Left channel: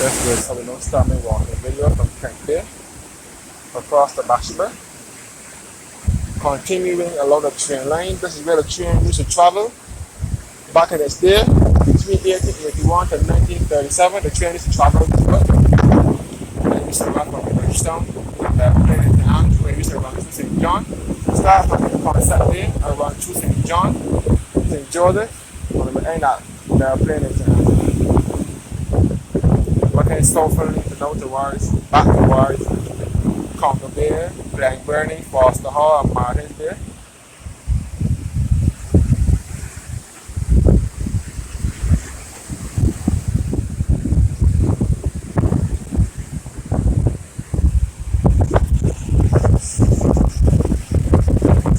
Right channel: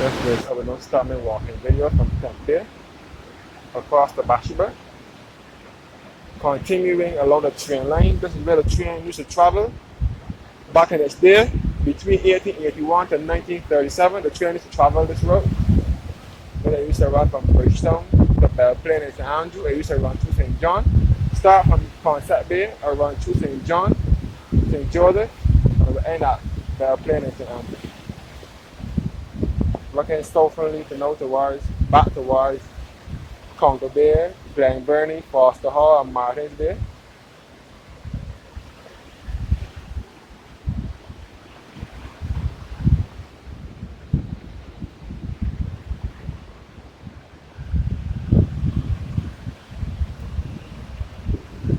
That's good. I will now start my walking video from Tank Bay across the Bathsheba, continuing along the train line. This is where the train used to travel back in its day. Between 1881 to 1937, the train used to travel this road. And it used to run from Bridgetown to Plain into Andrew. It used to run through St. John. Start from Concept Bay and run through St. John, St. Joseph, and it will end at Plain into Andrew. Looking southerly to now towards, back towards Congo Bay, Glenburnie, Foster Hall, and Martins Bay.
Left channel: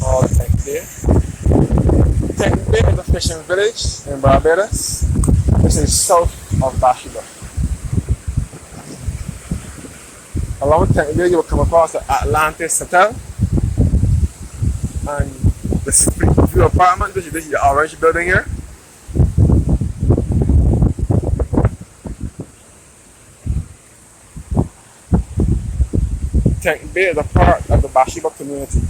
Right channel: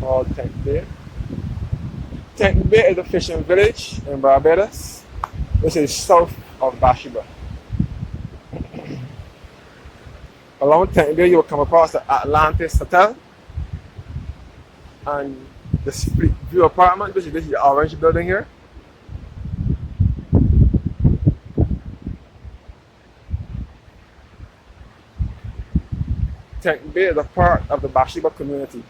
All Tank Bay. Tank Bay is a fishing village in Barbados. This is south of Bathsheba. Along Tank Bay, you will come across the Atlantis Hotel and the Street View Apartment. This is the orange building here. Tank Bay is a part of the Bathsheba community.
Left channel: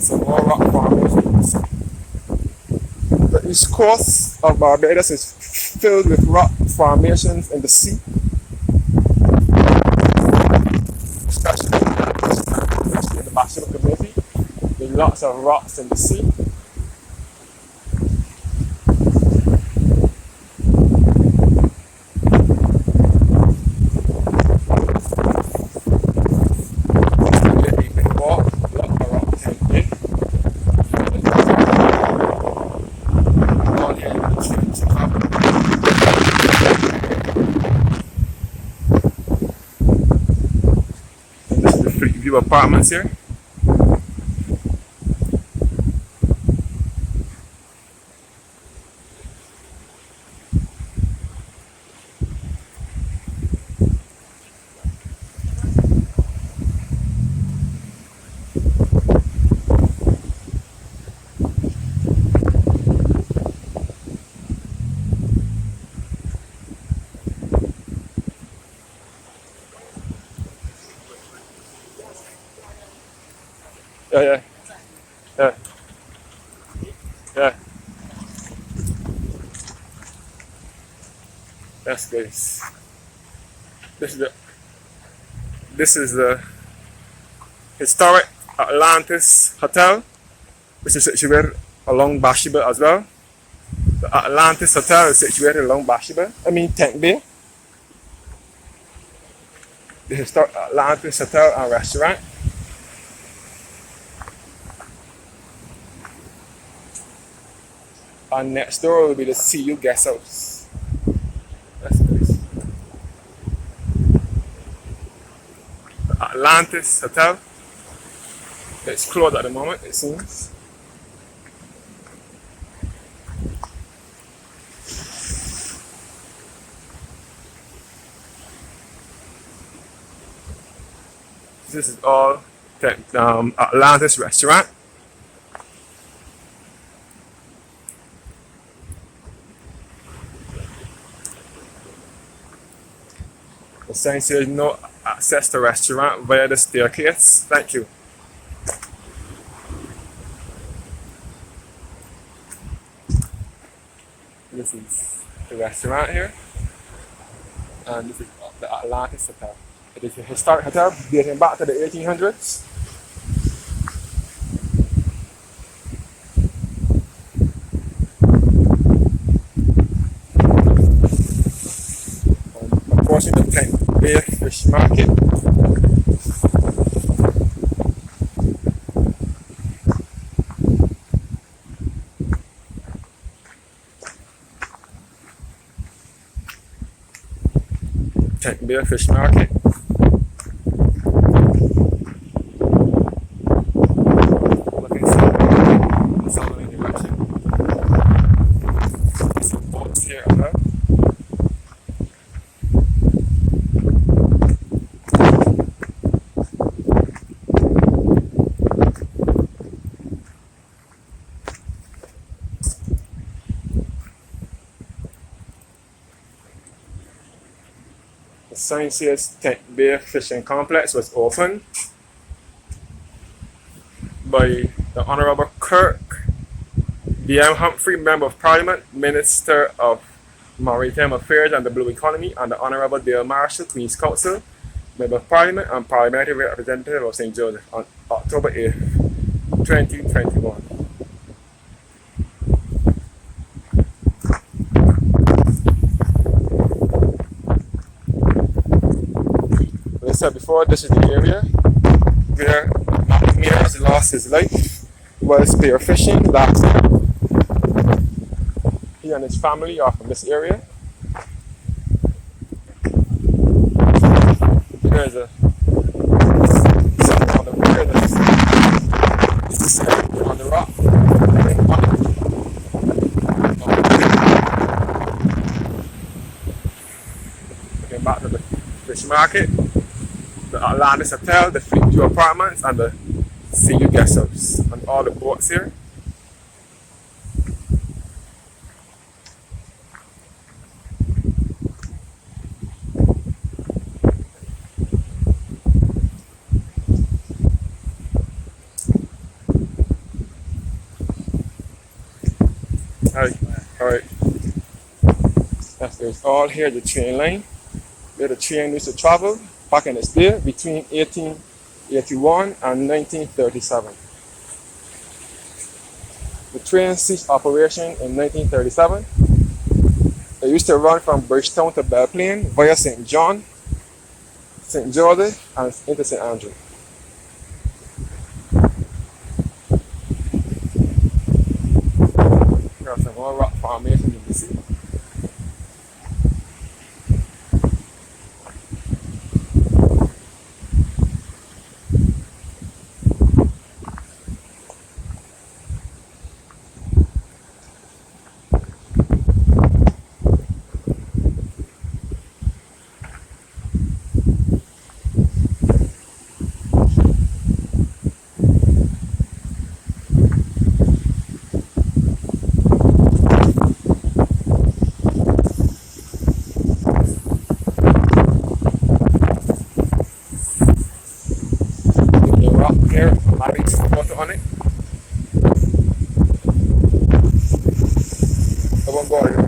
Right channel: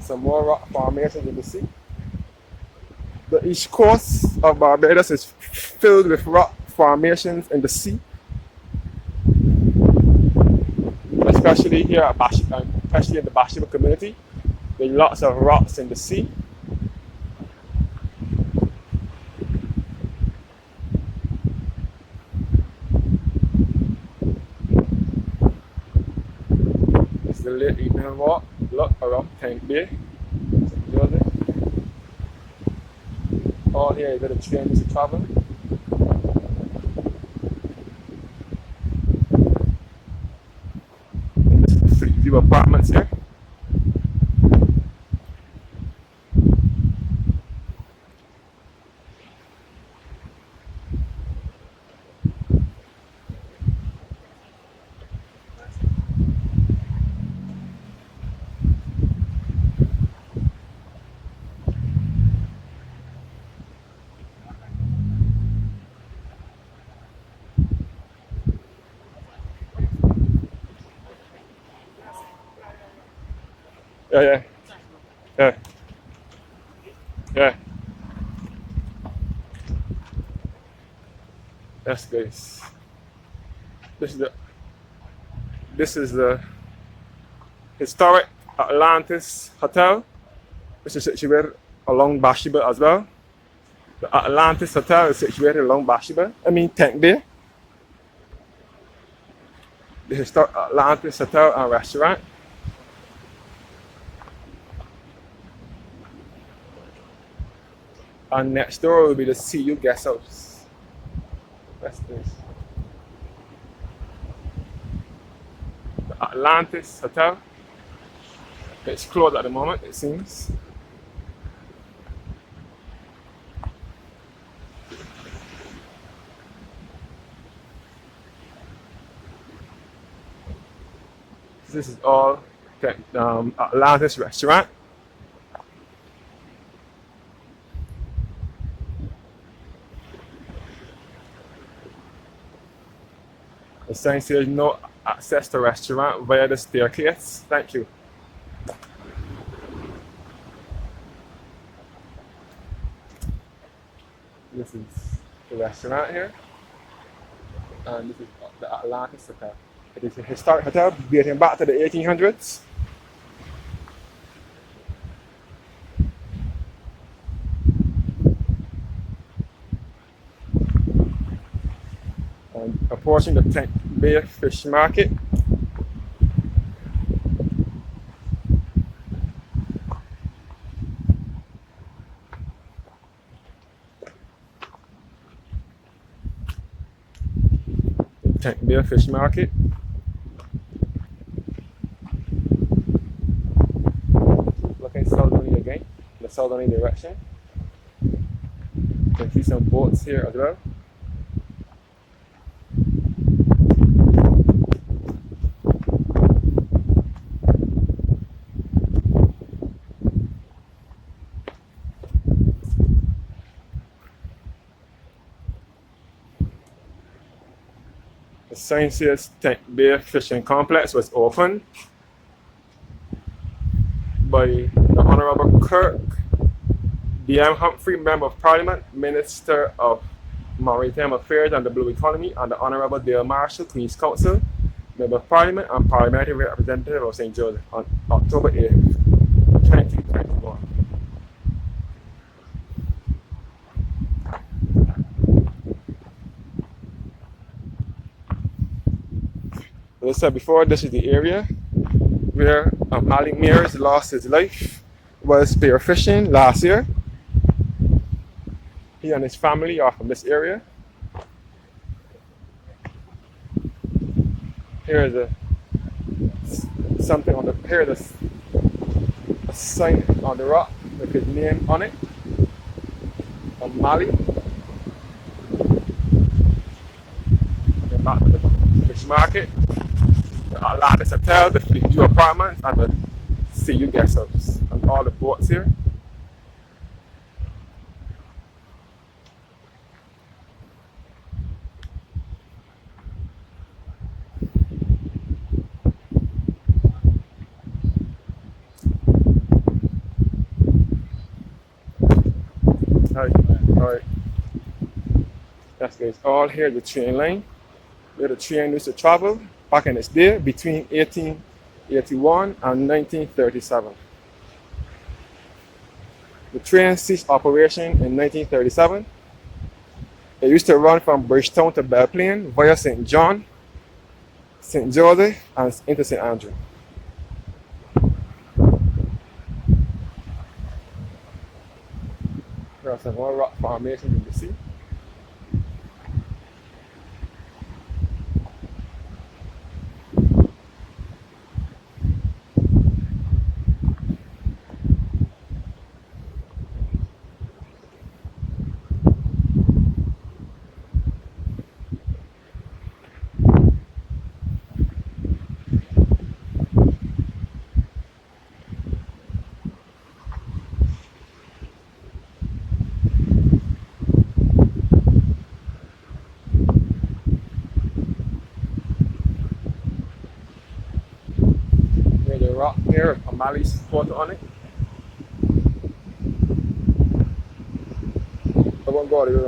Some more rock formations. The east coast of Barbados is filled with rock formations in the sea, especially here at Bathsheba, especially in the Bathsheba community. There are lots of rocks in the sea. It's the late evening walk. Look around Tank Bay. All here is where the train is covered. And this is the Street View Apartments here. Yeah. That's good. This is the historic Atlantis Hotel, which is situated along Bathsheba as well. The Atlantis Hotel is situated along Bathsheba. Tank Bay. The historic Atlantis Hotel and Restaurant. And next door will be the CU Guest House. That's nice. The Atlantis Hotel. It's closed at the moment, it seems. This is all Atlantis Restaurant. The sign says no access to restaurant via the staircase. Thank you. This is the restaurant here. And this is the Atlantis Hotel. It is a historic hotel dating back to the 1800s. Approaching the Tank Bay Fish Market. Tank Bay Fish Market. Looking south, the southerly direction. So see some boats here as well. The sign says Tent Bay Fishing Complex was opened by the Honorable Kirk B.M. Humphrey, Member of Parliament, Minister of Maritime Affairs and the Blue Economy, and the Honorable Dale Marshall, Queen's Counsel, Member of Parliament and Parliamentary Representative of St. Joseph on October 8th, 2021. As I said before, this is the area where Malik Mears lost his life while spearfishing last year. He and his family are from this area. Here is something on the pier that's a site on the rock with the name on it of Malik. Looking back to the fish market, the Atlantis Hotel, the Fleet View Apartments, and the CU Guest House, and all the boats here. Alright. That's all here, the train line, where the train used to travel back in its day between 1881 and 1937. The train ceased operation in 1937. It used to run from Bridgetown to Belplain via St. John, St. Joseph, and into St. Andrew. There are some more rock formations you can see. Rock here, Malik's photo on it. I won't go here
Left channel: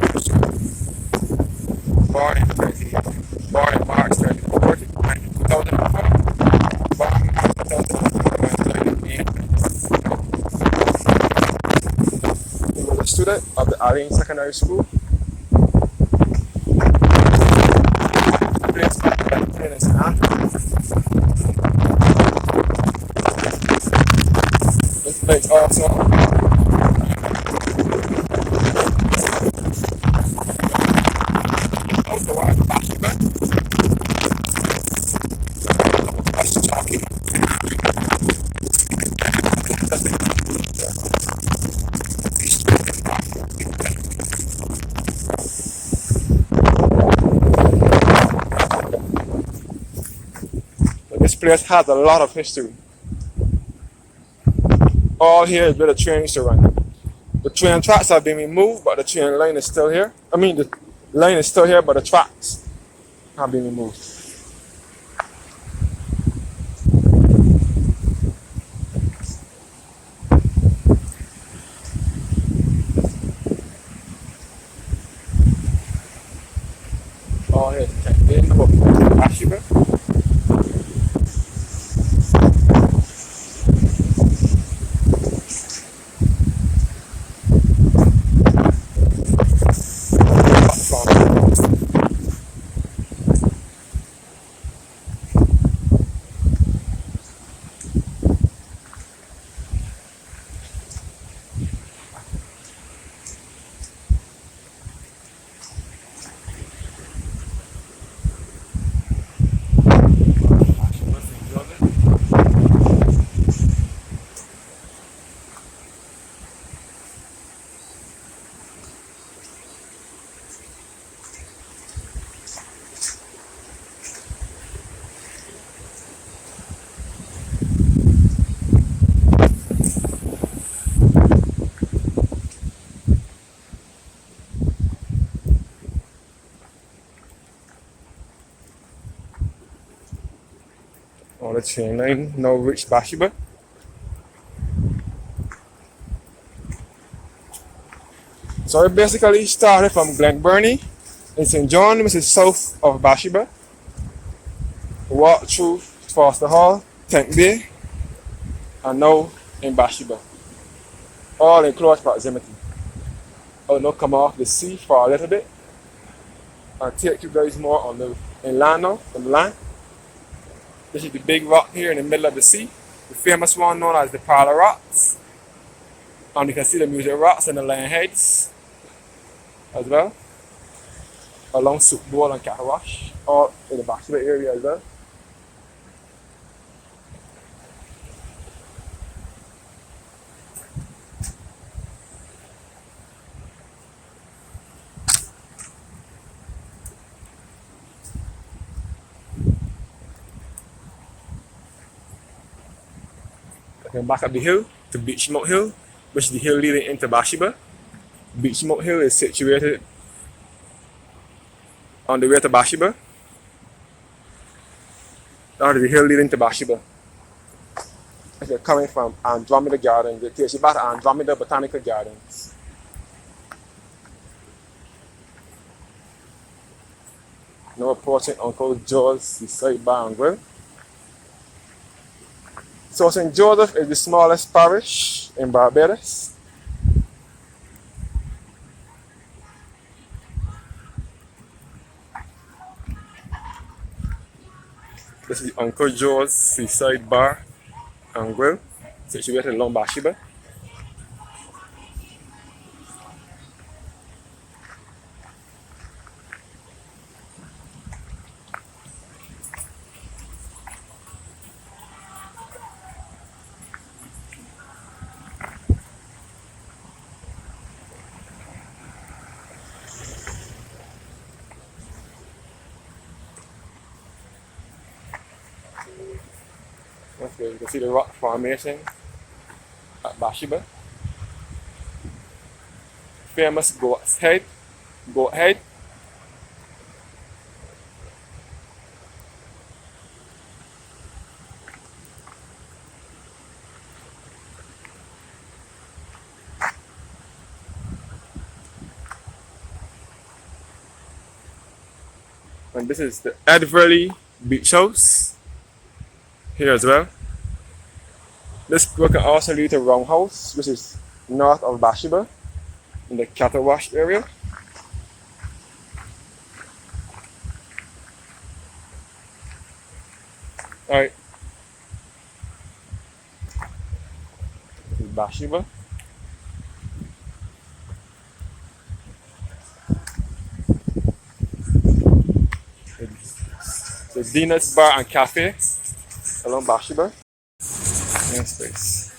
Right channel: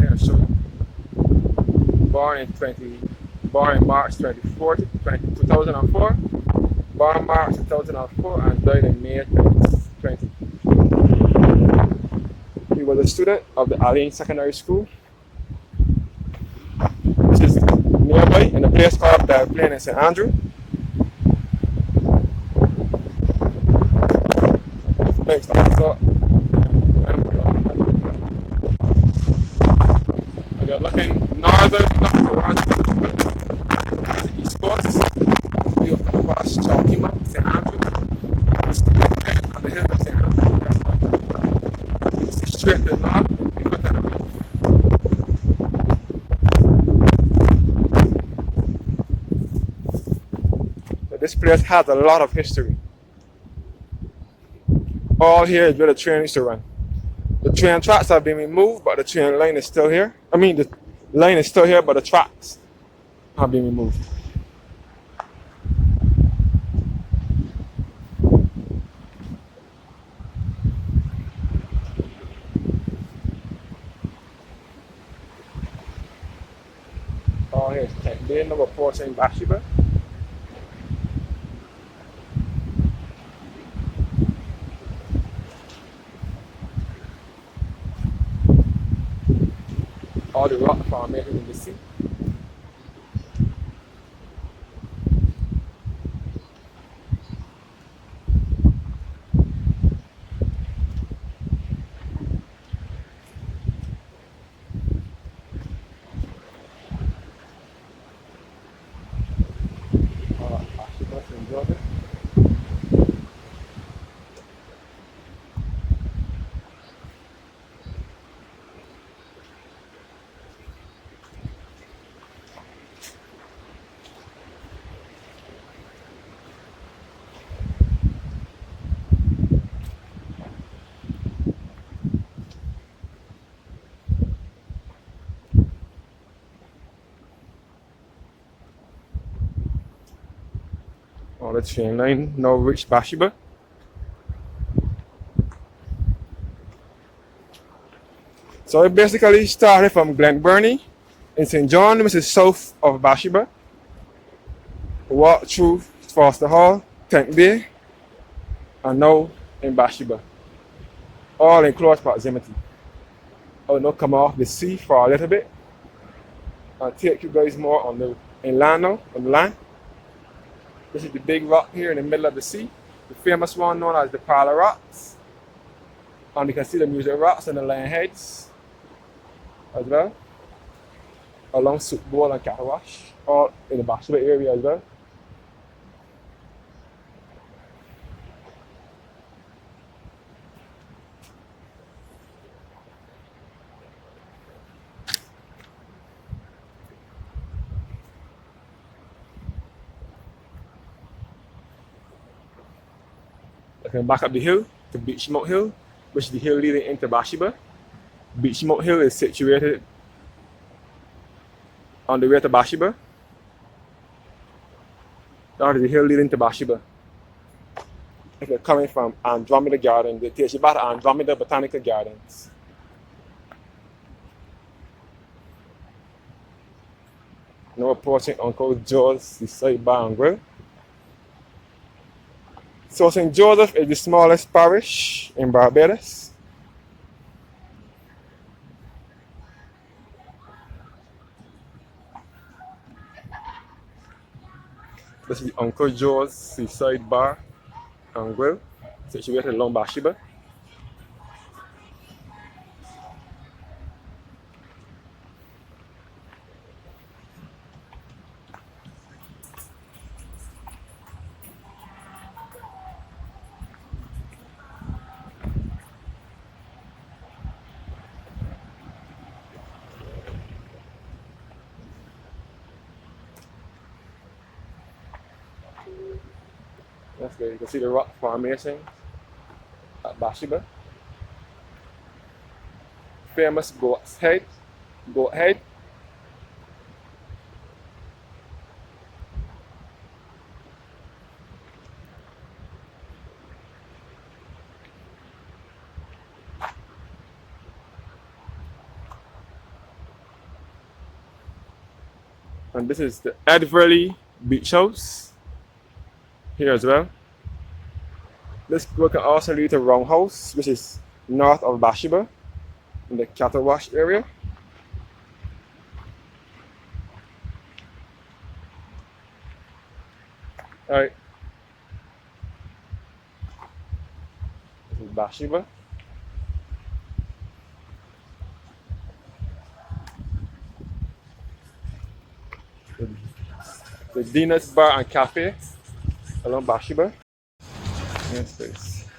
because born in March 2004, born March 2004 and died in May 2020. He was a student of the Allen Secondary School nearby in the place called Belplain in St. Andrew. It's also we are looking northern now towards Bathsheba, east coast, across Chalky Mount, St. Andrew, and the hills of St. Andrew. Straight to the north, people can so this place has a lot of history. All here is where the train used to run. The train tracks have been removed, but the train line is still here. I mean, the line is still here, but the tracks have been removed. All here is Tent Bay, number 14, Bathsheba. on the train line, now reach Bathsheba. So it basically started from Glen Burnie in St. John, which is south of Bathsheba. Walked through Foster Hall, Tank Bay, and now in Bathsheba. All in close proximity. I'll now come off the sea for a little bit and take you guys more on the inland now, on the land. This is the big rock here in the middle of the sea, the famous one known as the Parlor Rocks. And you can see the music rocks and the lion heads as well, along Soup Bowl and Cattle Wash, all in the Bathsheba area as well. Then back up the hill to Beach Smoke Hill, which is the hill leading into Bathsheba. Beach Smoke Hill is situated on the way to Bathsheba. That is the hill leading to Bathsheba. If you're coming from Andromeda Gardens, it takes you back to Andromeda Botanical Gardens. Now approaching Uncle George's Seaside Bar and Grill. So St. Joseph is the smallest parish in Barbados. This is Uncle Joe's Seaside Bar and Grill, situated along Bathsheba. That's good. You can see the rock formation at Bathsheba. Famous goat's head, goat head. And this is the Edverley Beach House here as well. This road can also lead to Roundhouse, which is north of Bathsheba in the Cattle Wash area. Alright. This is Bathsheba. The Dina's Bar and Cafe along Bathsheba. Yes, space.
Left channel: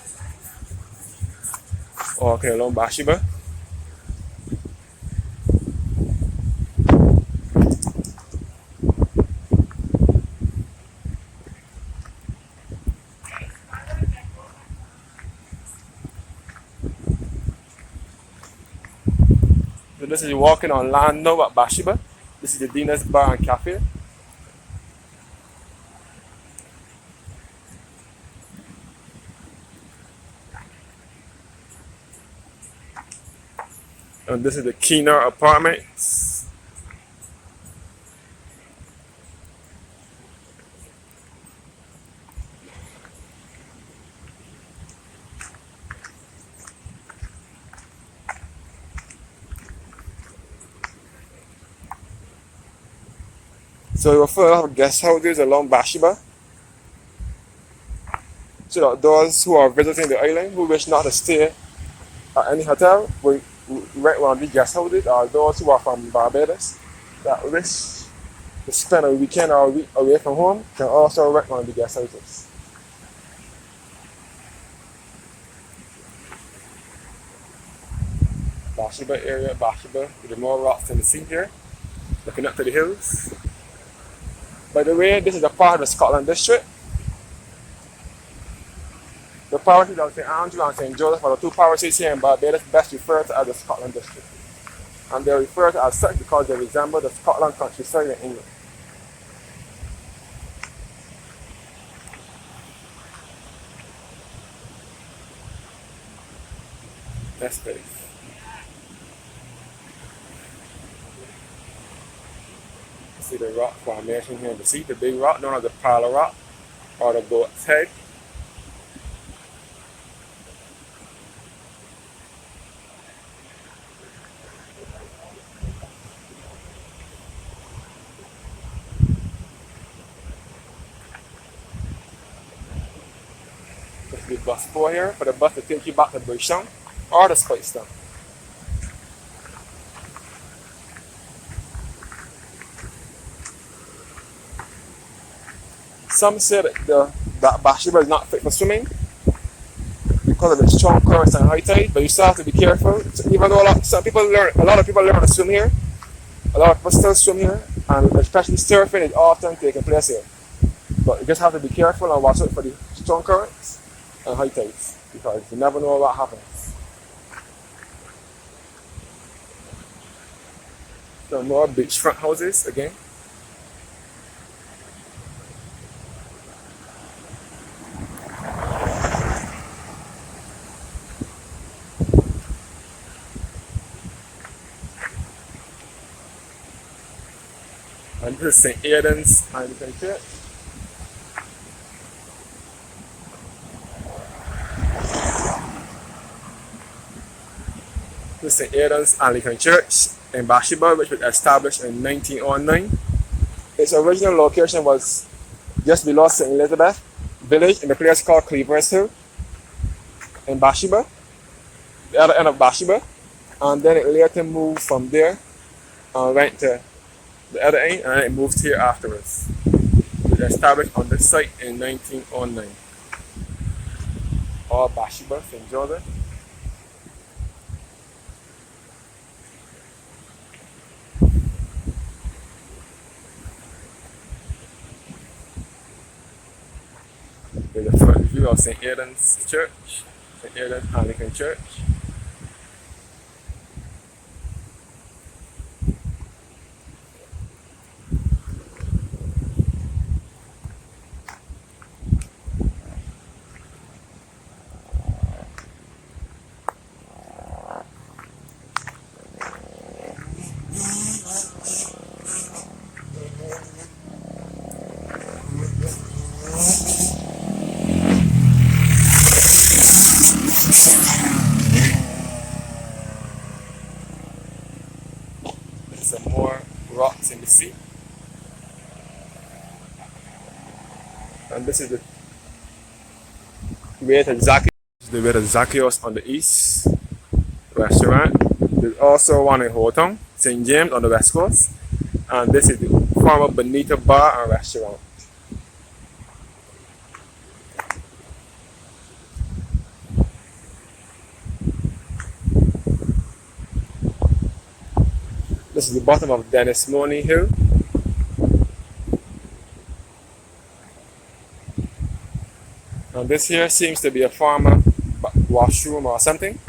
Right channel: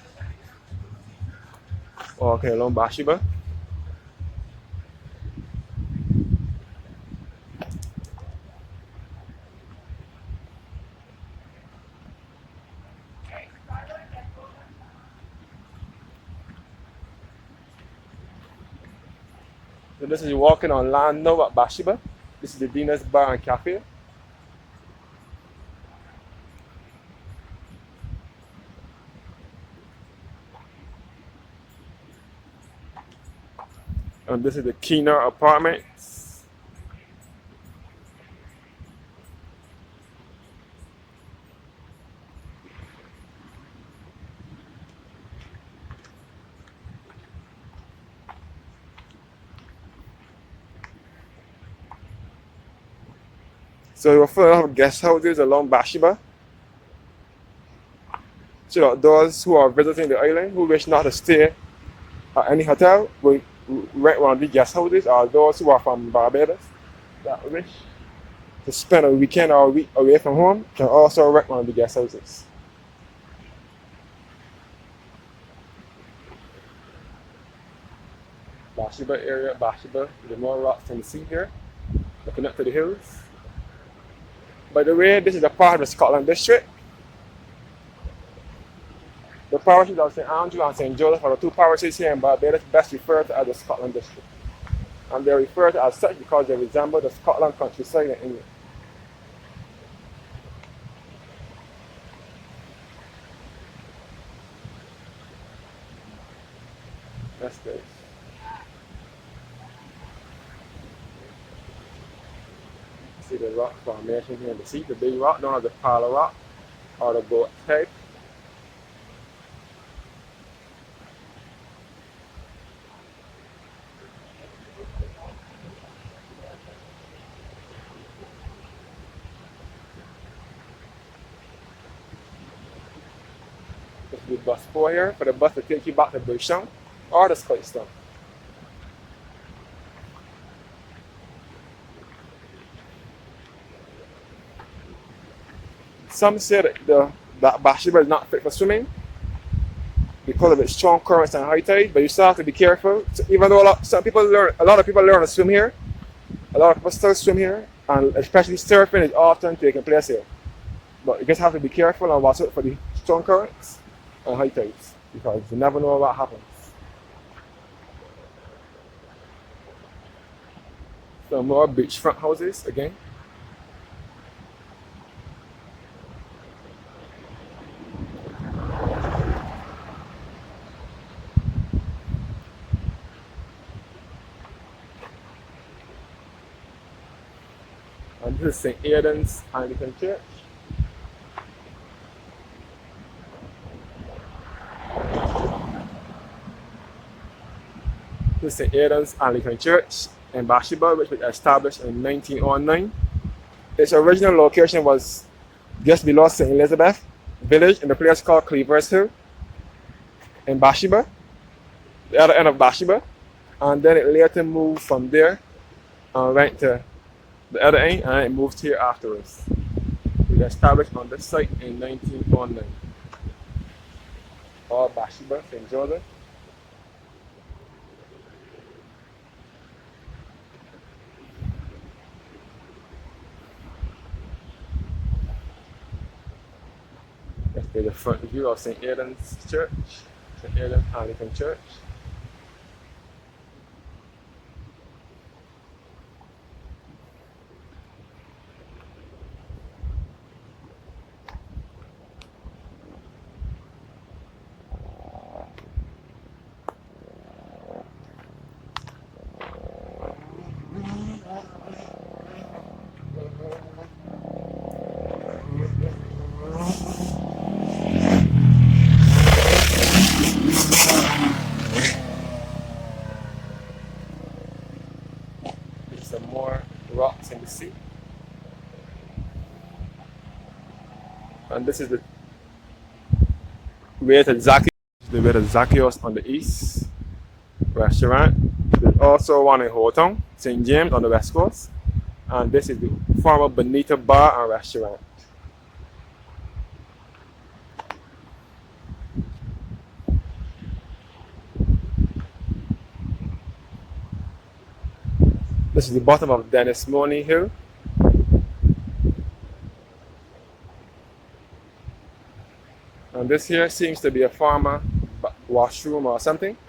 Okay, along Bathsheba. So this is walking on land now at Bathsheba. This is the Dina's Bar and Cafe. And this is the Keener Apartments. So we're full of guest houses along Bathsheba. So those who are visiting the island who wish not to stay at any hotel will rent one of these guest houses, or those who are from Barbados that wish to spend a weekend or a week away from home can also rent one of the guest houses. Bathsheba area, Bathsheba, with the more rocks in the sea here, looking up to the hills. By the way, this is a part of the Scotland district. The parishes of St. Andrew and St. Joseph are the two parishes here in Barbados best referred to as the Scotland district. And they're referred to as such because they resemble the Scotland countryside in England. space. See the rock formation here in the sea. The big rock known as the parallel rock or the goat's head. This is the bus 4 here for the bus to take you back to Bridgetown or the Spicetown. Some say that Bathsheba is not fit for swimming because of its strong currents and high tide, but you still have to be careful. So even though a lot of people learn to swim here, a lot of people still swim here, and especially surfing is often taking place here. But you just have to be careful and watch out for the strong currents and high tides because you never know what happens. Some more beachfront houses again. And this is St. Aidan's Anglican Church. This is St. Aidan's Anglican Church in Bathsheba, which was established in 1909. Its original location was just below St. Elizabeth village in the place called Cleaver's Hill in Bathsheba, the other end of Bathsheba. And then it later moved from there and went to the other end, and it moved here afterwards. It was established on this site in 1909. All Bathsheba, St. Joseph. There's a front view of St. Aidan's Church, St. Aidan's Anglican Church. Some more rocks in the sea. And this is the way to Zacchaeus on the east restaurant. There's also one in Houghton, St. James on the west coast. And this is the former Bonita Bar and Restaurant. This is the bottom of Dennis Money Hill. And this here seems to be a former washroom or something.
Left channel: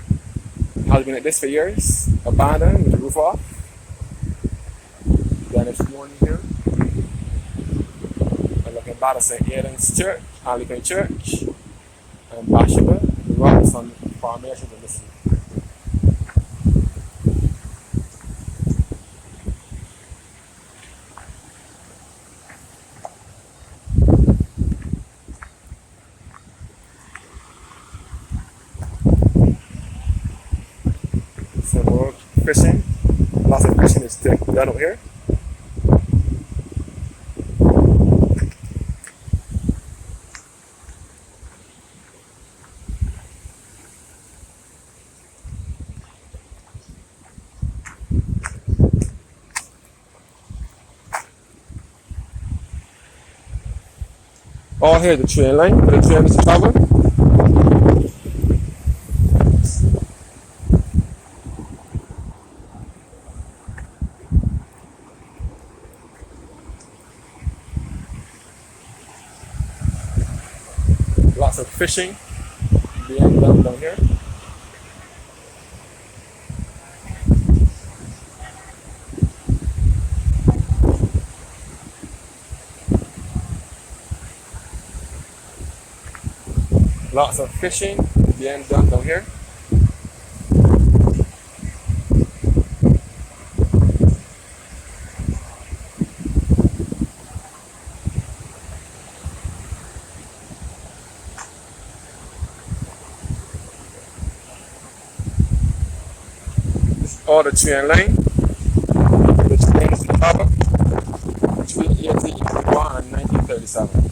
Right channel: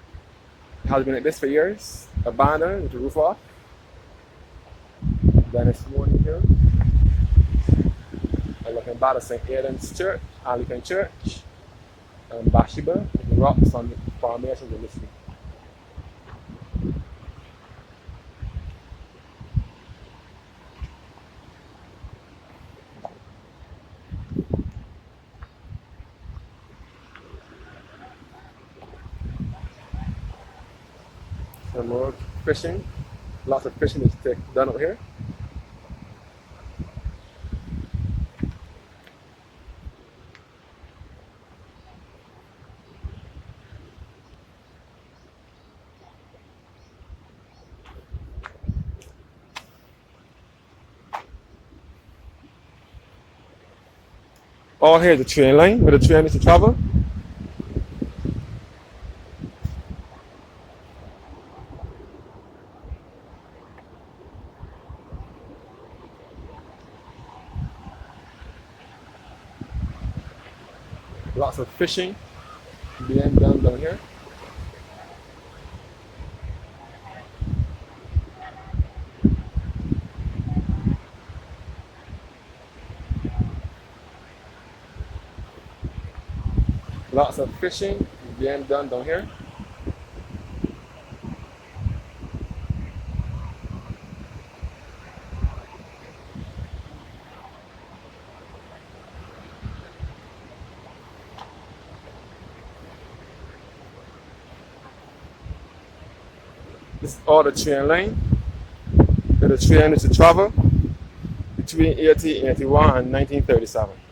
It has been like this for years, abandoned with the roof off. Dennis Money Hill. I'm looking back at St. Aidan's Church, Anglican Church, and Bathsheba, the rocks on the formations in the sea. Some more fishing. Lots of fishing is done over here. All here is the train line where the train is to travel. Lots of fishing being done down here. Lots of fishing being done down here. or the train line where the train used to travel between 1881 and 1937.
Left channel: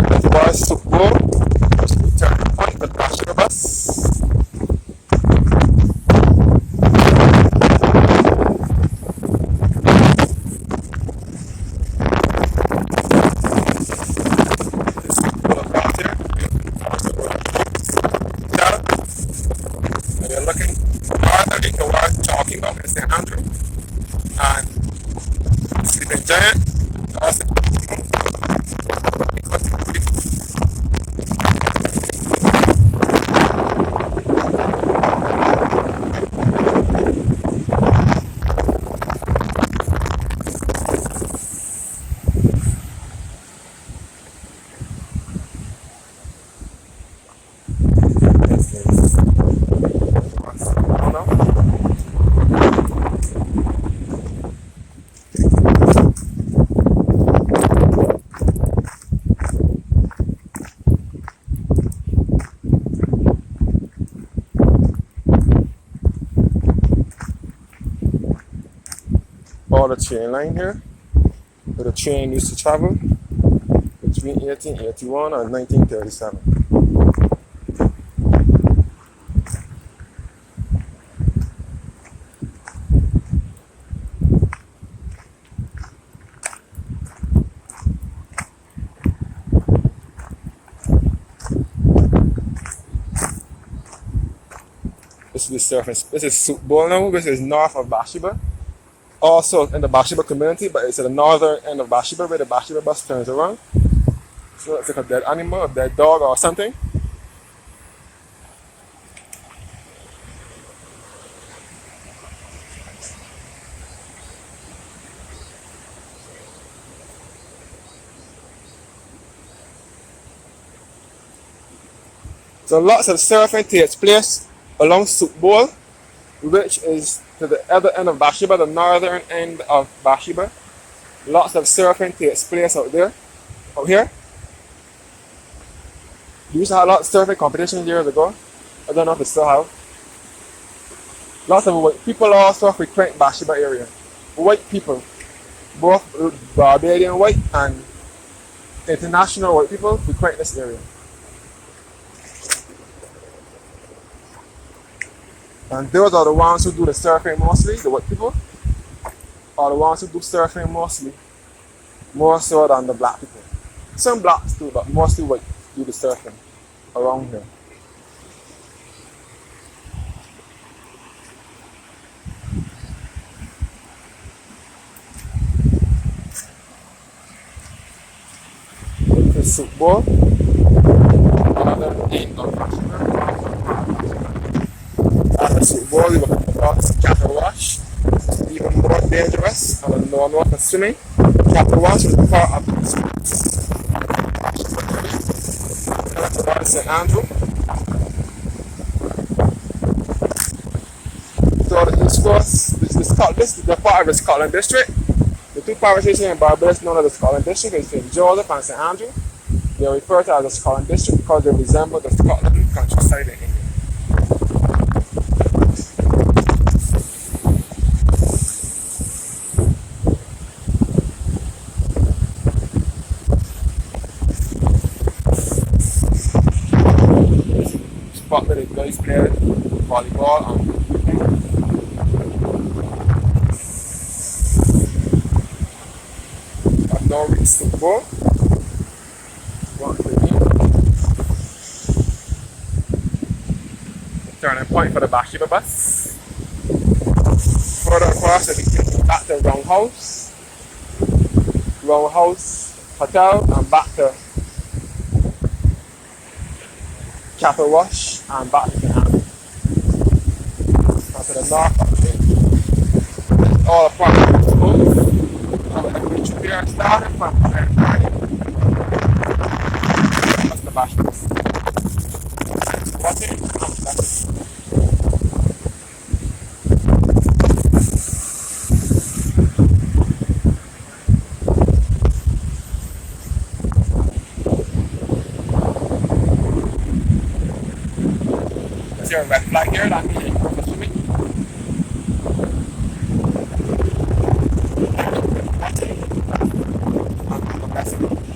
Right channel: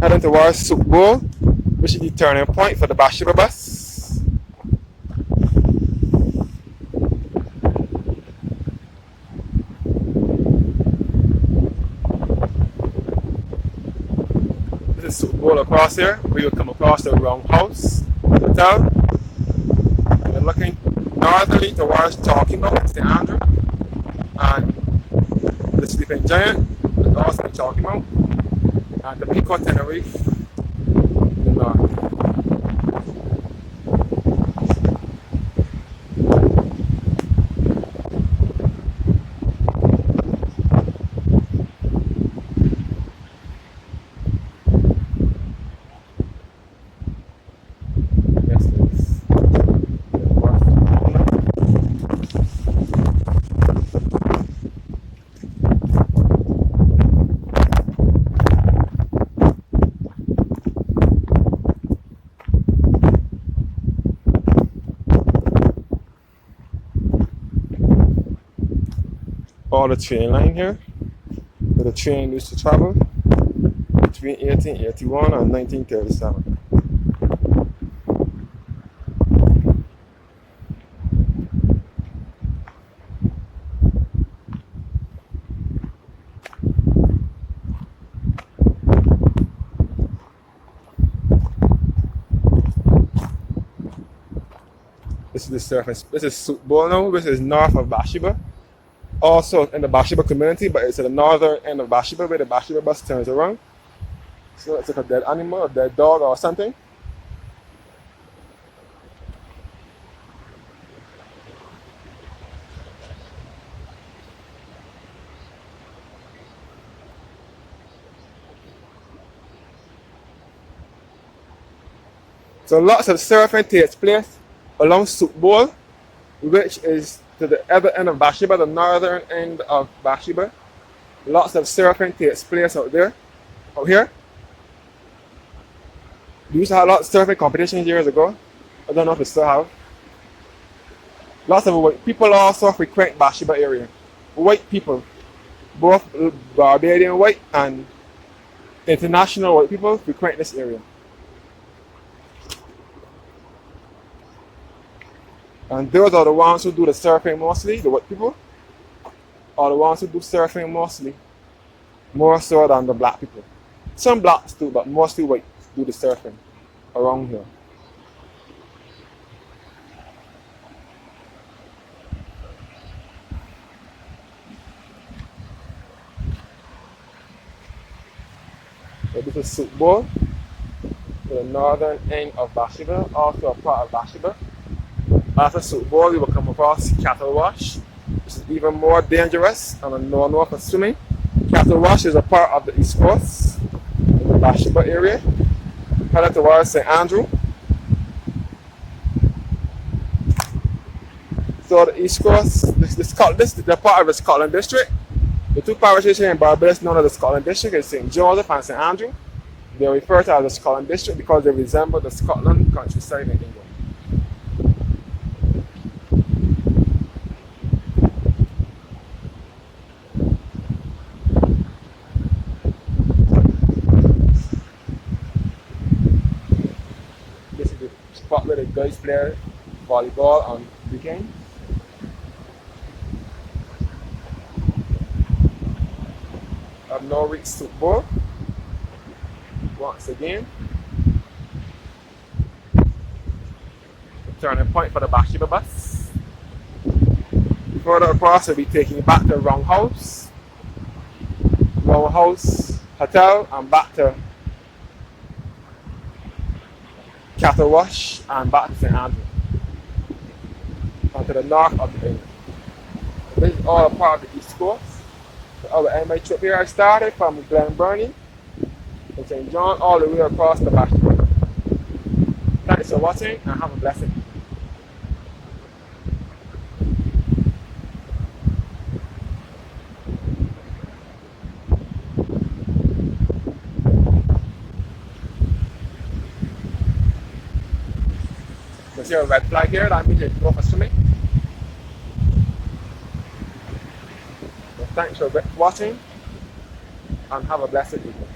Heading towards Soup Bowl, which is the turning point for the Bathsheba bus. This is Soup Bowl across here. We will come across the Roundhouse Hotel. And we're looking northerly towards Talking Boat and St. Andrew. And the Sleeping Giant is also Talking Boat. And the Pico Tenerife. All the train line here, where the train used to travel between 1881 and 1937. This is the surface. This is Soup Bowl now. This is north of Bathsheba. Also in the Bathsheba community, but it's at the northern end of Bathsheba where the Bathsheba bus turns around. So it's like a dead animal, a dead dog or something. So lots of surfing takes place along Soup Bowl, which is to the other end of Bathsheba, the northern end of Bathsheba. Lots of surfing takes place out there, out here. We used to have lots of surfing competitions years ago. I don't know if it still have. Lots of white people also frequent Bathsheba area. White people, both Barbadian white and international white people frequent this area. And those are the ones who do the surfing mostly, the white people, are the ones who do surfing mostly, more so than the black people. Some blacks do, but mostly white do the surfing around here. This is Soup Bowl, the northern end of Bathsheba, also a part of Bathsheba. After Soup Bowl, we will come across Cattle Wash. It's even more dangerous and a no-no for swimming. Cattle Wash is a part of the East Coast, the Bathsheba area. Headed towards St. Andrew. So the East Coast, this is the part of the Scotland District. The two parishes here in Barbados known as the Scotland District is St. Joseph and St. Andrew. They are referred to as the Scotland District because they resemble the Scotland countryside in England. Spot where the guys play volleyball on the weekend. I've now reached Soup Bowl. Once again, turning point for the Bathsheba bus. Further across, we'll be taking back to Roundhouse Hotel, and back to Cattle Wash and back to St. Andrew. And to the north of the bay. This is all a part of the East Coast. Our anime trip here started from Glenburnie and gone all the way across the Bathsheba. Thanks for watching and have a blessed day. see a red flag here, that means you can go for swimming. Thanks for watching and have a blessed day.